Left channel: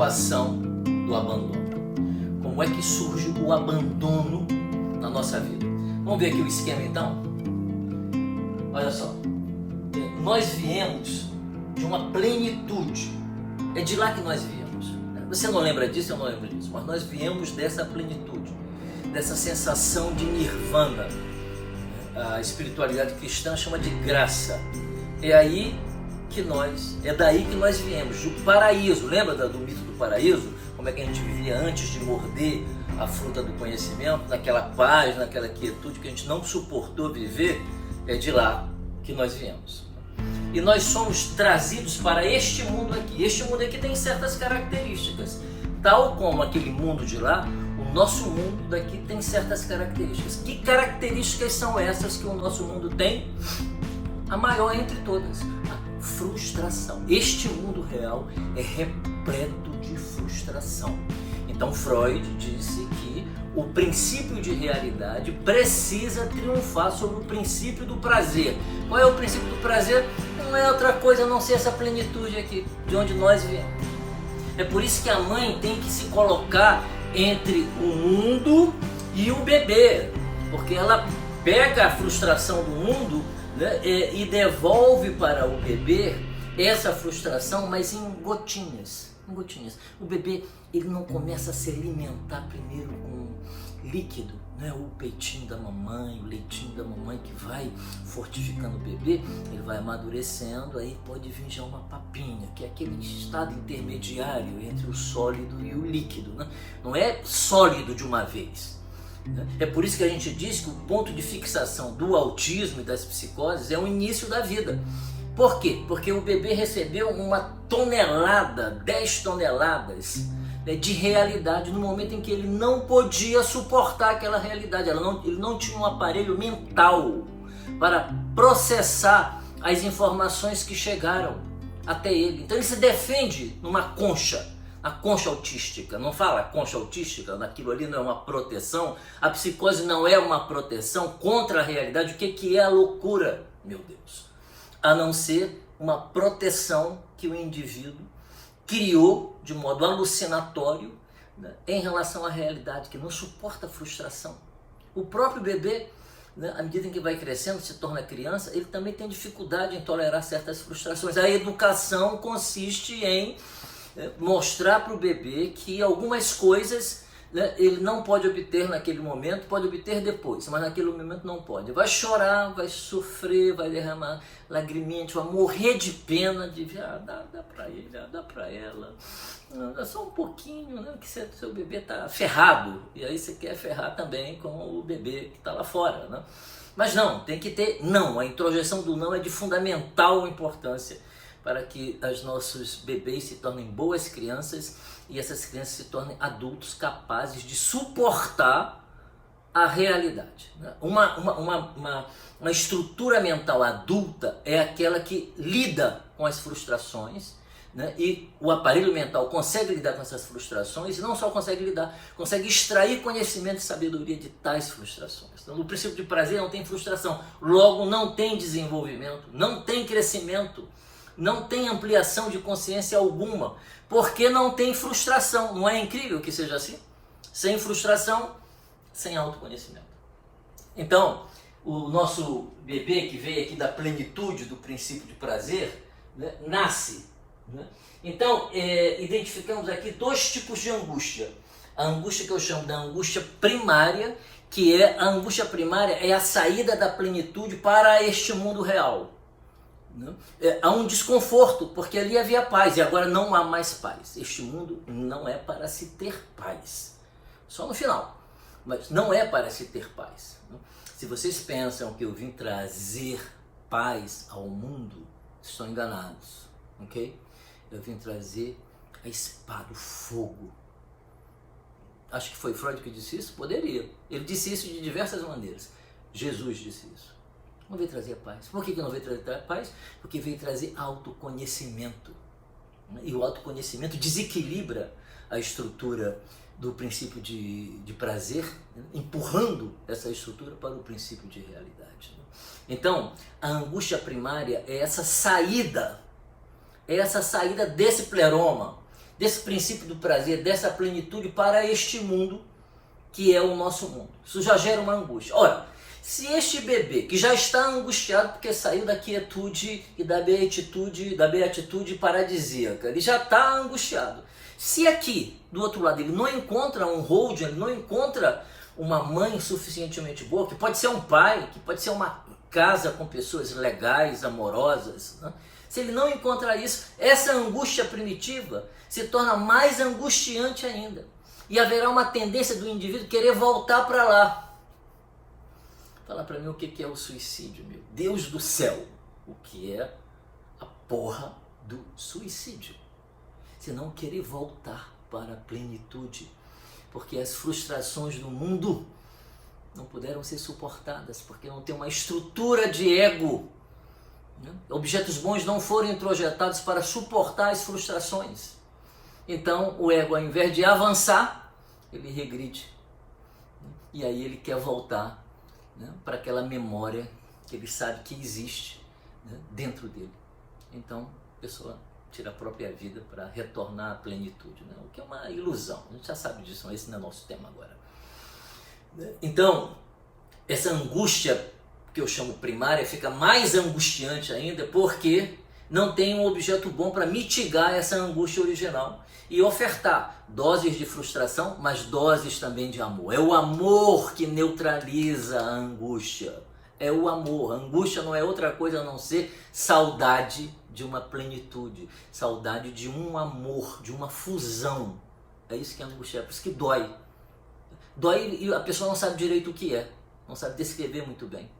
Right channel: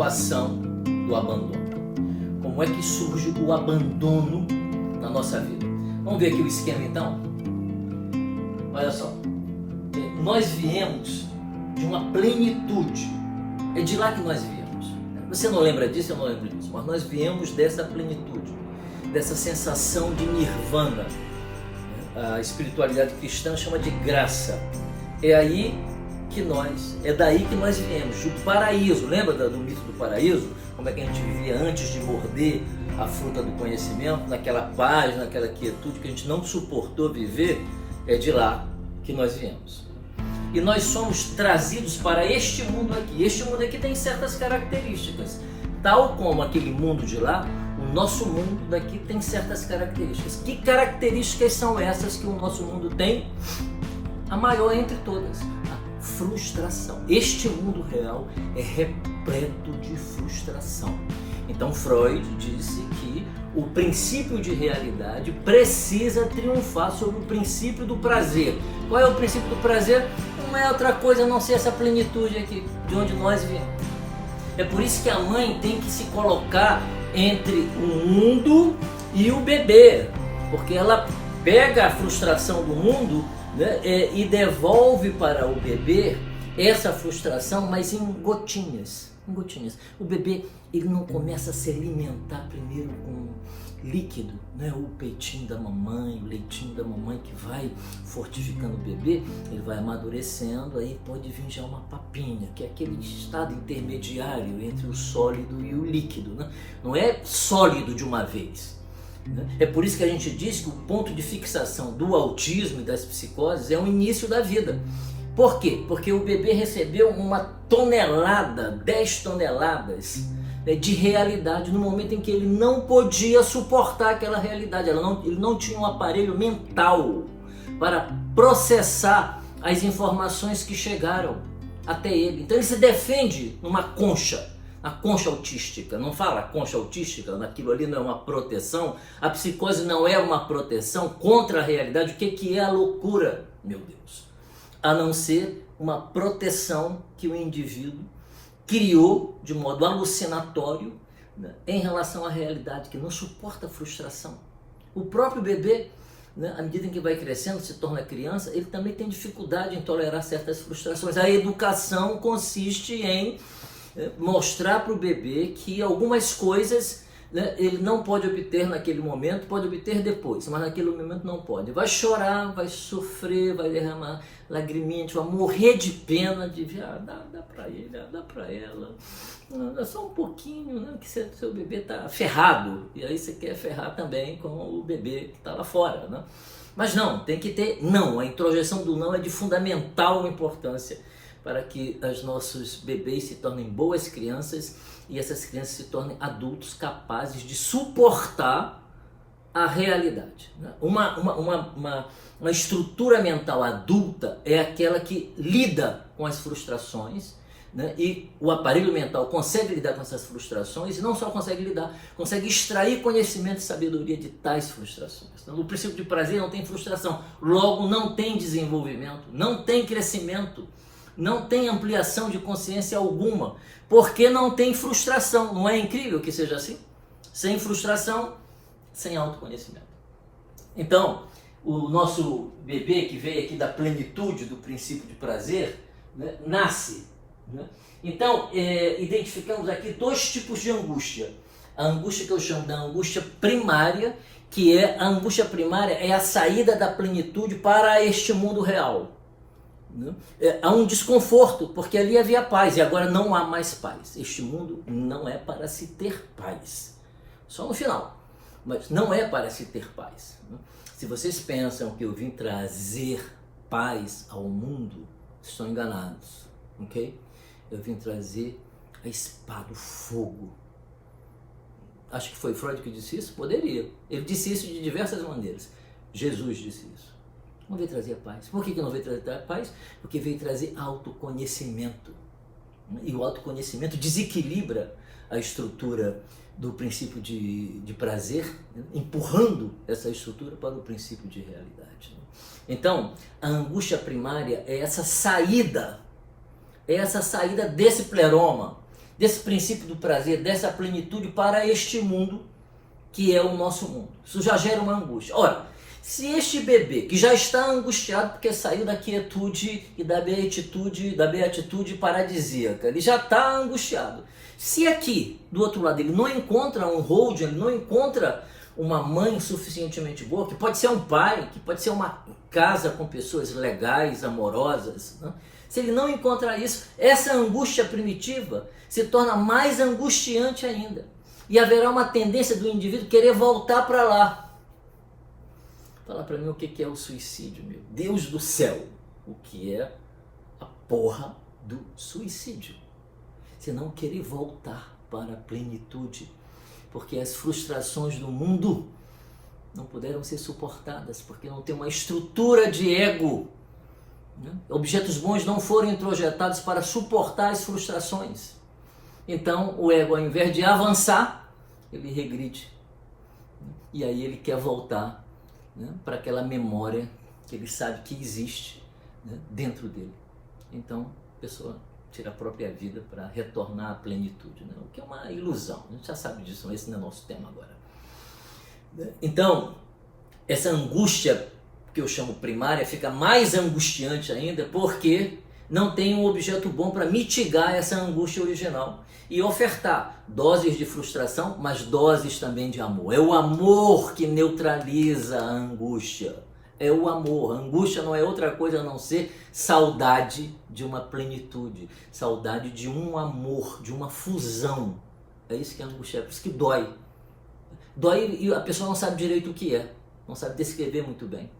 equação do abandono. Como é que surge o abandono na nossa vida? Vamos ver aqui o esquema então? Olha só, nós viemos de uma plenitude, é de lá que nós viemos. Você não lembra disso, eu não lembro disso, mas nós viemos dessa plenitude, dessa sensação de nirvana. A espiritualidade cristã chama de graça. É daí que nós viemos, do paraíso. Lembra do mito do paraíso? Como é que a gente vivia antes de morder a fruta do conhecimento, naquela paz, naquela quietude que a gente não suportou viver? É de lá que nós viemos. E nós somos trazidos para este mundo aqui. Este mundo aqui tem certas características. Tal como aquele mundo de lá, o nosso mundo daqui tem certas características. Que características são essas que o nosso mundo tem? A maior entre todas, a frustração. Este mundo real é repleto de frustração. Então Freud disse que o princípio de realidade precisa triunfar sobre o princípio do prazer. Qual é o princípio do prazer? Não é outra coisa a não ser essa plenitude aqui, de onde nós viemos. É por isso que a mãe tem que se colocar entre o mundo e o bebê, porque ela pega a frustração do mundo, né, e devolve para o bebê essa frustração, mas em gotinhas. O bebê, ele não começa a se alimentar primeiro com líquido, né? O peitinho da mamãe, o leitinho da mamãe que vai fortificando o bebê, ele vai amadurecendo, aí pode vir já uma papinha, que é aquele estado intermediário entre o sólido e o líquido, né? Não é sólido de uma vez. É por isso que a gente diz que o ponto de fixação do autismo e das psicoses é o início da vida. Por quê? Porque o bebê recebeu 10 toneladas de realidade no momento em que ele não podia suportar aquela realidade. Ele não tinha um aparelho mental para processar as informações que chegaram até ele. Então ele se defende numa concha. A concha autística, não fala concha autística, aquilo ali não é uma proteção, a psicose não é uma proteção contra a realidade. O que é a loucura, meu Deus? A não ser uma proteção que o indivíduo criou de modo alucinatório, né, em relação à realidade, que não suporta a frustração. O próprio bebê, né, à medida em que vai crescendo, se torna criança, ele também tem dificuldade em tolerar certas frustrações. A educação consiste em mostrar para o bebê que algumas coisas, né, ele não pode obter naquele momento, pode obter depois, mas naquele momento não pode. Vai chorar, vai sofrer, vai derramar lagriminha, vai morrer de pena, de dá para ele, dá para ela, dá só um pouquinho, né, que seu bebê está ferrado, e aí você quer ferrar também com o bebê que está lá fora, né? Mas não, tem que ter não, a introjeção do não é de fundamental importância para que os nossos bebês se tornem boas crianças e essas crianças se tornem adultos capazes de suportar a realidade. Uma estrutura mental adulta é aquela que lida com as frustrações, né? E o aparelho mental consegue lidar com essas frustrações e não só consegue lidar, consegue extrair conhecimento e sabedoria de tais frustrações. Então, no princípio de prazer não tem frustração, logo não tem desenvolvimento, não tem crescimento, não tem ampliação de consciência alguma, porque não tem frustração. Não é incrível que seja assim? Sem frustração, sem autoconhecimento. Então, o nosso bebê que veio aqui da plenitude do princípio de prazer, né, nasce. Né? Então, identificamos aqui 2 tipos de angústia. A angústia que eu chamo da angústia primária, que é a angústia primária, é a saída da plenitude para este mundo real. Há um desconforto, porque ali havia paz e agora não há mais paz. Este mundo não é para se ter paz, só no final, mas não é para se ter paz. Se vocês pensam que eu vim trazer paz ao mundo, estão enganados, ok? Eu vim trazer a espada, o fogo. Acho que foi Freud que disse isso? Poderia. Ele disse isso de diversas maneiras. Jesus disse isso. Não veio trazer paz. Por que não veio trazer paz? Porque veio trazer autoconhecimento. E o autoconhecimento desequilibra a estrutura do princípio de prazer, empurrando essa estrutura para o princípio de realidade. Então, a angústia primária é essa saída desse pleroma, desse princípio do prazer, dessa plenitude para este mundo que é o nosso mundo. Isso já gera uma angústia. Ora, se este bebê que já está angustiado porque saiu da quietude e da beatitude paradisíaca, ele já está angustiado. Se aqui, do outro lado, ele não encontra um holding, ele não encontra uma mãe suficientemente boa, que pode ser um pai, que pode ser uma casa com pessoas legais, amorosas, né? Se ele não encontra isso, essa angústia primitiva se torna mais angustiante ainda. E haverá uma tendência do indivíduo querer voltar para lá. Fala para mim o que é o suicídio, meu Deus do céu. O que é a porra do suicídio? Você não querer voltar para a plenitude, porque as frustrações do mundo não puderam ser suportadas, porque não tem uma estrutura de ego. Objetos bons não foram introjetados para suportar as frustrações. Então o ego, ao invés de avançar, ele regride. E aí ele quer voltar, né, para aquela memória que ele sabe que existe, né, dentro dele. Então a pessoa tira a própria vida para retornar à plenitude, né? O que é uma ilusão. A gente já sabe disso, mas esse não é nosso tema agora. Então, essa angústia que eu chamo primária fica mais angustiante ainda porque não tem um objeto bom para mitigar essa angústia original e ofertar doses de frustração, mas doses também de amor. É o amor que neutraliza a angústia. É o amor. A angústia não é outra coisa a não ser saudade de uma plenitude, saudade de um amor, de uma fusão. É isso que a angústia é, por isso que dói. Dói e a pessoa não sabe direito o que é, não sabe descrever muito bem.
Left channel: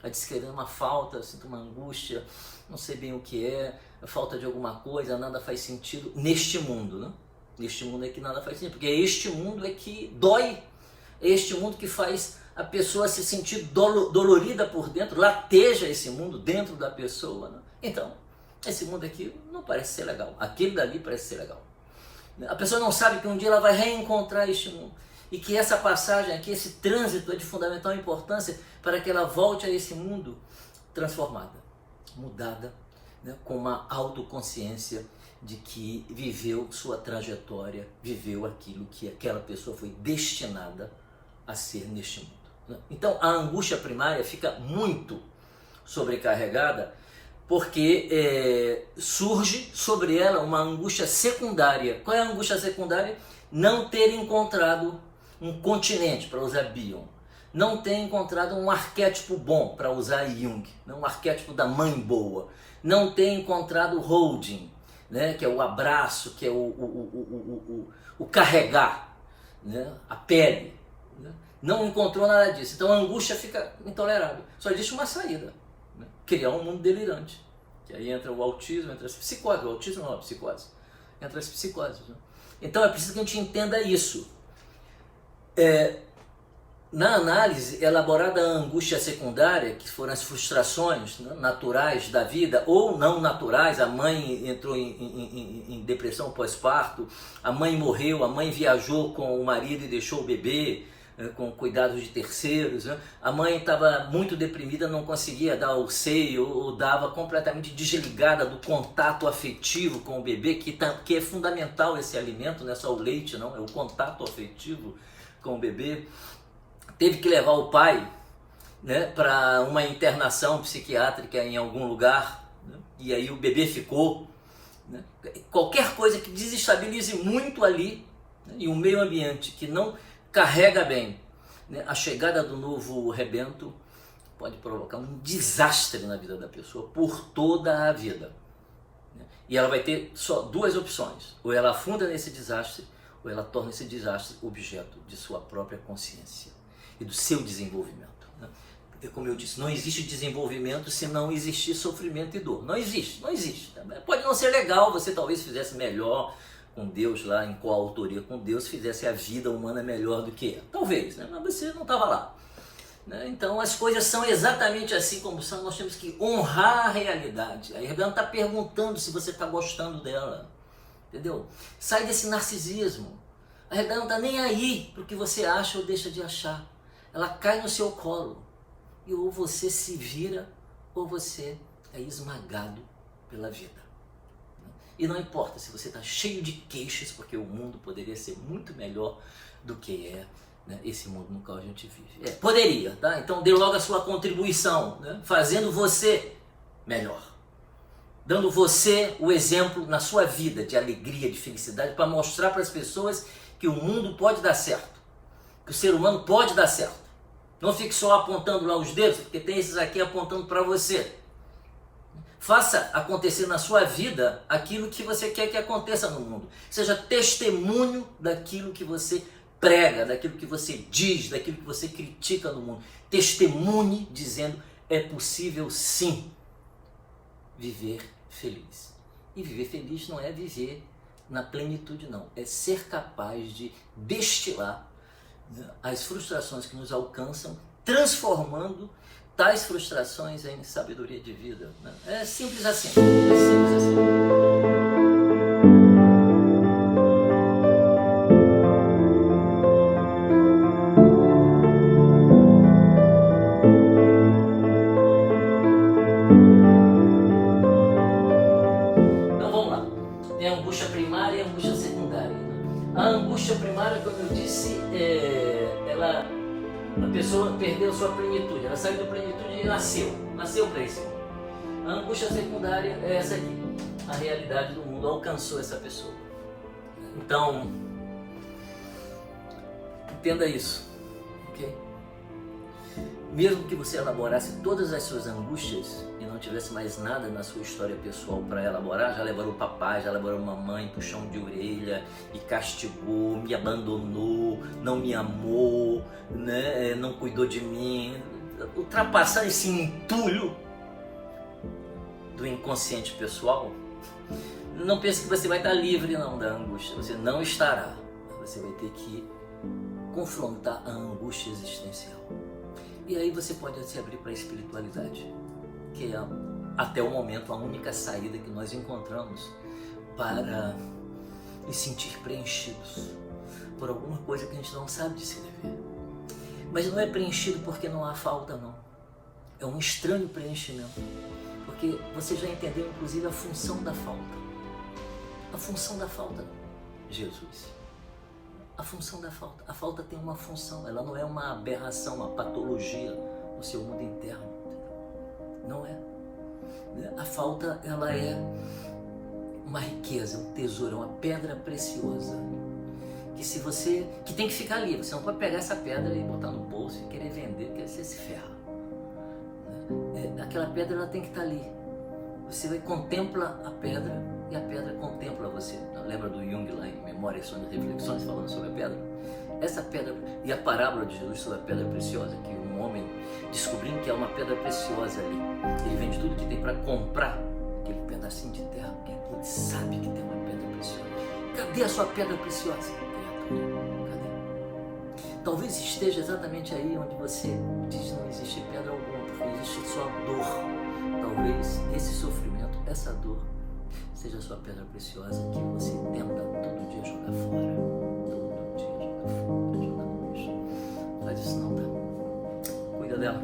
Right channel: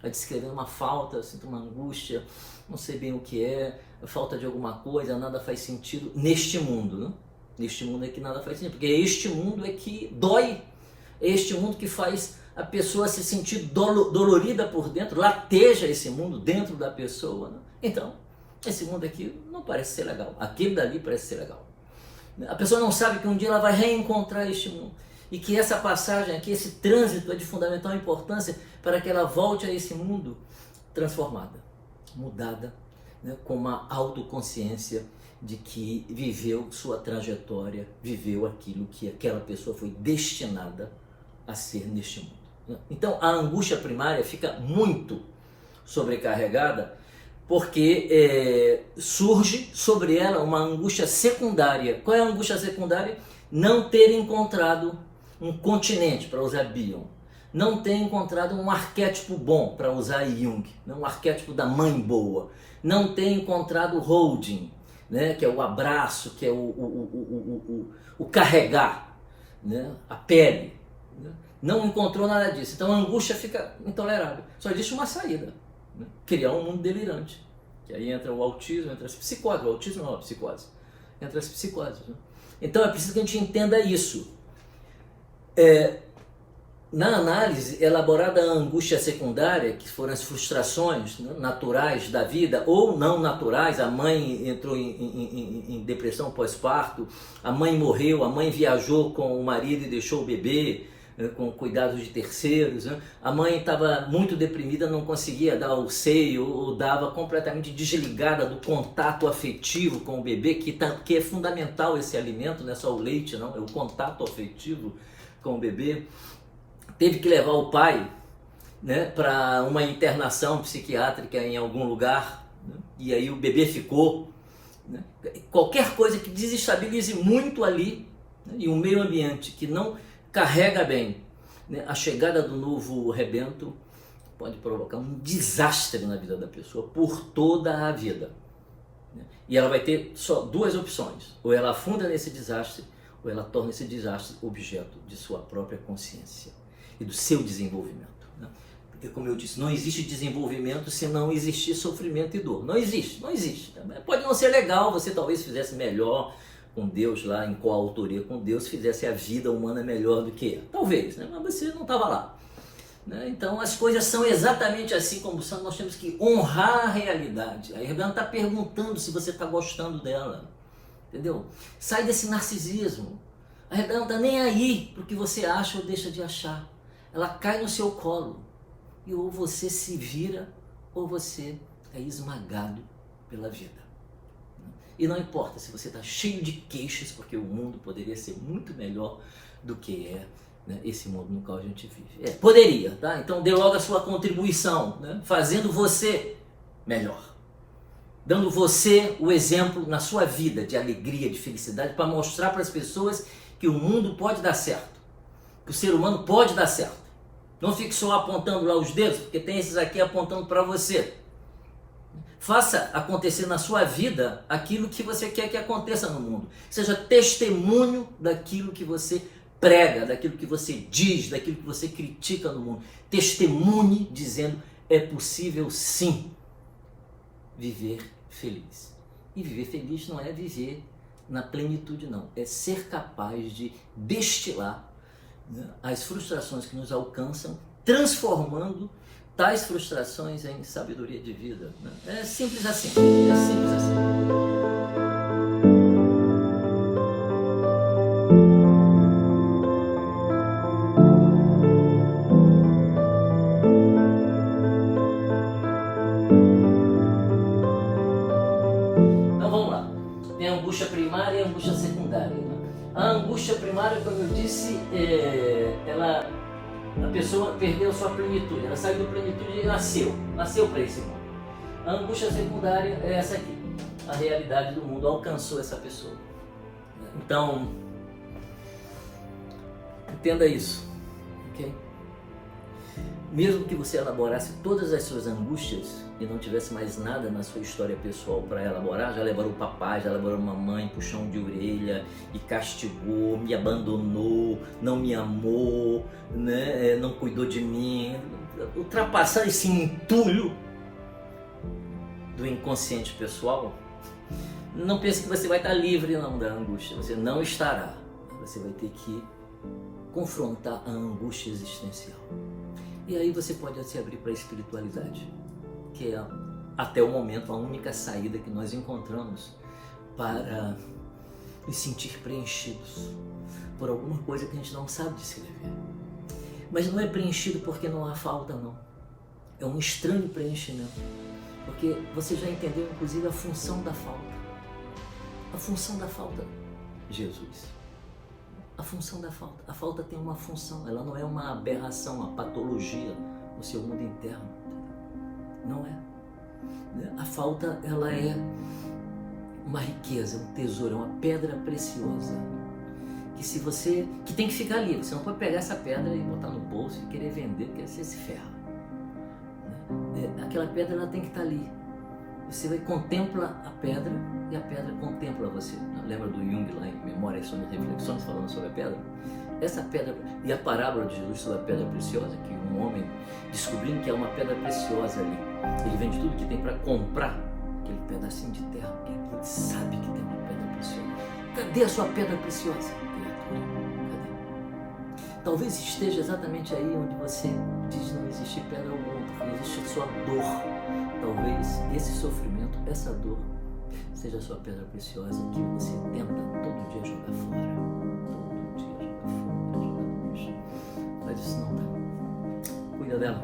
Vai descrever uma falta, sinto uma angústia, não sei bem o que é, falta de alguma coisa, nada faz sentido neste mundo, né? Neste mundo é que nada faz sentido, porque este mundo é que dói, é este mundo que faz a pessoa se sentir dolorida por dentro, lateja esse mundo dentro da pessoa, né? Então, esse mundo aqui não parece ser legal, aquele dali parece ser legal. A pessoa não sabe que um dia ela vai reencontrar este mundo e que essa passagem aqui, esse trânsito é de fundamental importância para que ela volte a esse mundo transformada, mudada, né, com uma autoconsciência de que viveu sua trajetória, viveu aquilo que aquela pessoa foi destinada a ser neste mundo, né? Então a angústia primária fica muito sobrecarregada porque surge sobre ela uma angústia secundária. Qual é a angústia secundária? Não ter encontrado um continente, para usar Bion, não ter encontrado um arquétipo bom, para usar Jung, um arquétipo da mãe boa, não ter encontrado o holding, né, que é o abraço, que é o carregar, né, a pele, né? Não encontrou nada disso. Então a angústia fica intolerável. Só existe uma saída, né? Criar um mundo delirante, que aí entra o autismo, entra as psicoses. O autismo não é a psicose, entra as psicoses, né? Então é preciso que a gente entenda isso. Na análise elaborada a angústia secundária, que foram as frustrações, né, naturais da vida ou não naturais, a mãe entrou em depressão pós-parto, a mãe morreu, a mãe viajou com o marido e deixou o bebê, com cuidados de terceiros, né? A mãe estava muito deprimida, não conseguia dar o seio, ou dava completamente desligada do contato afetivo com o bebê, que é fundamental esse alimento, não é só o leite, não, é o contato afetivo com o bebê. Teve que levar o pai, né, para uma internação psiquiátrica em algum lugar, né, e aí o bebê ficou, né? Qualquer coisa que desestabilize muito ali, né, e um meio ambiente que não carrega bem, né, a chegada do novo rebento pode provocar um desastre na vida da pessoa por toda a vida, né? E ela vai ter só duas opções: ou ela afunda nesse desastre, ou ela torna esse desastre objeto de sua própria consciência e do seu desenvolvimento, né? Porque, como eu disse, não existe desenvolvimento se não existir sofrimento e dor. Não existe, não existe. Pode não ser legal, você talvez fizesse melhor com Deus lá, em coautoria com Deus, fizesse a vida humana melhor do que é. Talvez, né? Mas você não estava lá, né? Então as coisas são exatamente assim como são, nós temos que honrar a realidade. A Rebelde está perguntando se você está gostando dela, entendeu? Sai desse narcisismo. A Rebelde não está nem aí para o que você acha ou deixa de achar. Ela cai no seu colo e ou você se vira ou você é esmagado pela vida. E não importa se você está cheio de queixas, porque o mundo poderia ser muito melhor do que é, né, esse mundo no qual a gente vive. Poderia, tá? Então dê logo a sua contribuição, né, fazendo você melhor. Dando você o exemplo na sua vida de alegria, de felicidade, para mostrar para as pessoas que o mundo pode dar certo, que o ser humano pode dar certo. Não fique só apontando lá os dedos, porque tem esses aqui apontando para você. Faça acontecer na sua vida aquilo que você quer que aconteça no mundo. Seja testemunho daquilo que você prega, daquilo que você diz, daquilo que você critica no mundo. Testemunhe dizendo: é possível sim viver feliz. E viver feliz não é viver na plenitude, não. É ser capaz de destilar, né, as frustrações que nos alcançam, transformando tais frustrações em sabedoria de vida. Né? É simples assim. É simples assim. Tem a angústia primária e a angústia secundária. Né? A angústia primária, como eu disse, a pessoa perdeu sua plenitude, ela saiu da plenitude e nasceu para esse mundo. A angústia secundária é essa aqui, a realidade do mundo alcançou essa pessoa. Então, entenda isso, ok? Mesmo que você elaborasse todas as suas angústias e não tivesse mais nada na sua história pessoal para elaborar, já elaborou o papai, já elaborou a mamãe, puxão de orelha e castigou, me abandonou, não me amou, né? Não cuidou de mim. Ultrapassar esse entulho do inconsciente pessoal, não pense que você vai estar livre não da angústia, você não estará. Você vai ter que confrontar a angústia existencial. E aí você pode se abrir para a espiritualidade, que é até o momento a única saída que nós encontramos para nos sentir preenchidos por alguma coisa que a gente não sabe descrever. Mas não é preenchido porque não há falta, não. É um estranho preenchimento, porque você já entendeu inclusive a função da falta. A função da falta, Jesus. A função da falta. A falta tem uma função, ela não é uma aberração, uma patologia no seu mundo interno. Não é. A falta, ela é uma riqueza, um tesouro, uma pedra preciosa. Que tem que ficar ali. Você não pode pegar essa pedra e botar no bolso e querer vender, porque você se ferra. Aquela pedra, ela tem que estar ali. Você contempla a pedra e a pedra contempla você. Lembra do Jung lá em Memórias sobre Reflexões, falando sobre a pedra? Essa pedra, e a parábola de Jesus sobre a pedra preciosa, que um homem descobrindo que é uma pedra preciosa ali, ele vende tudo que tem para comprar aquele pedacinho de terra, porque ele sabe que tem uma pedra preciosa. Cadê a sua pedra preciosa? Cadê? Talvez esteja exatamente aí onde você diz não existe pedra alguma, porque existe só dor. Talvez esse sofrimento, essa dor, seja a sua pedra preciosa que você tenta todo dia jogar fora. Todo dia jogar fora, jogar no lixo. Faz isso não, tá? Cuida dela.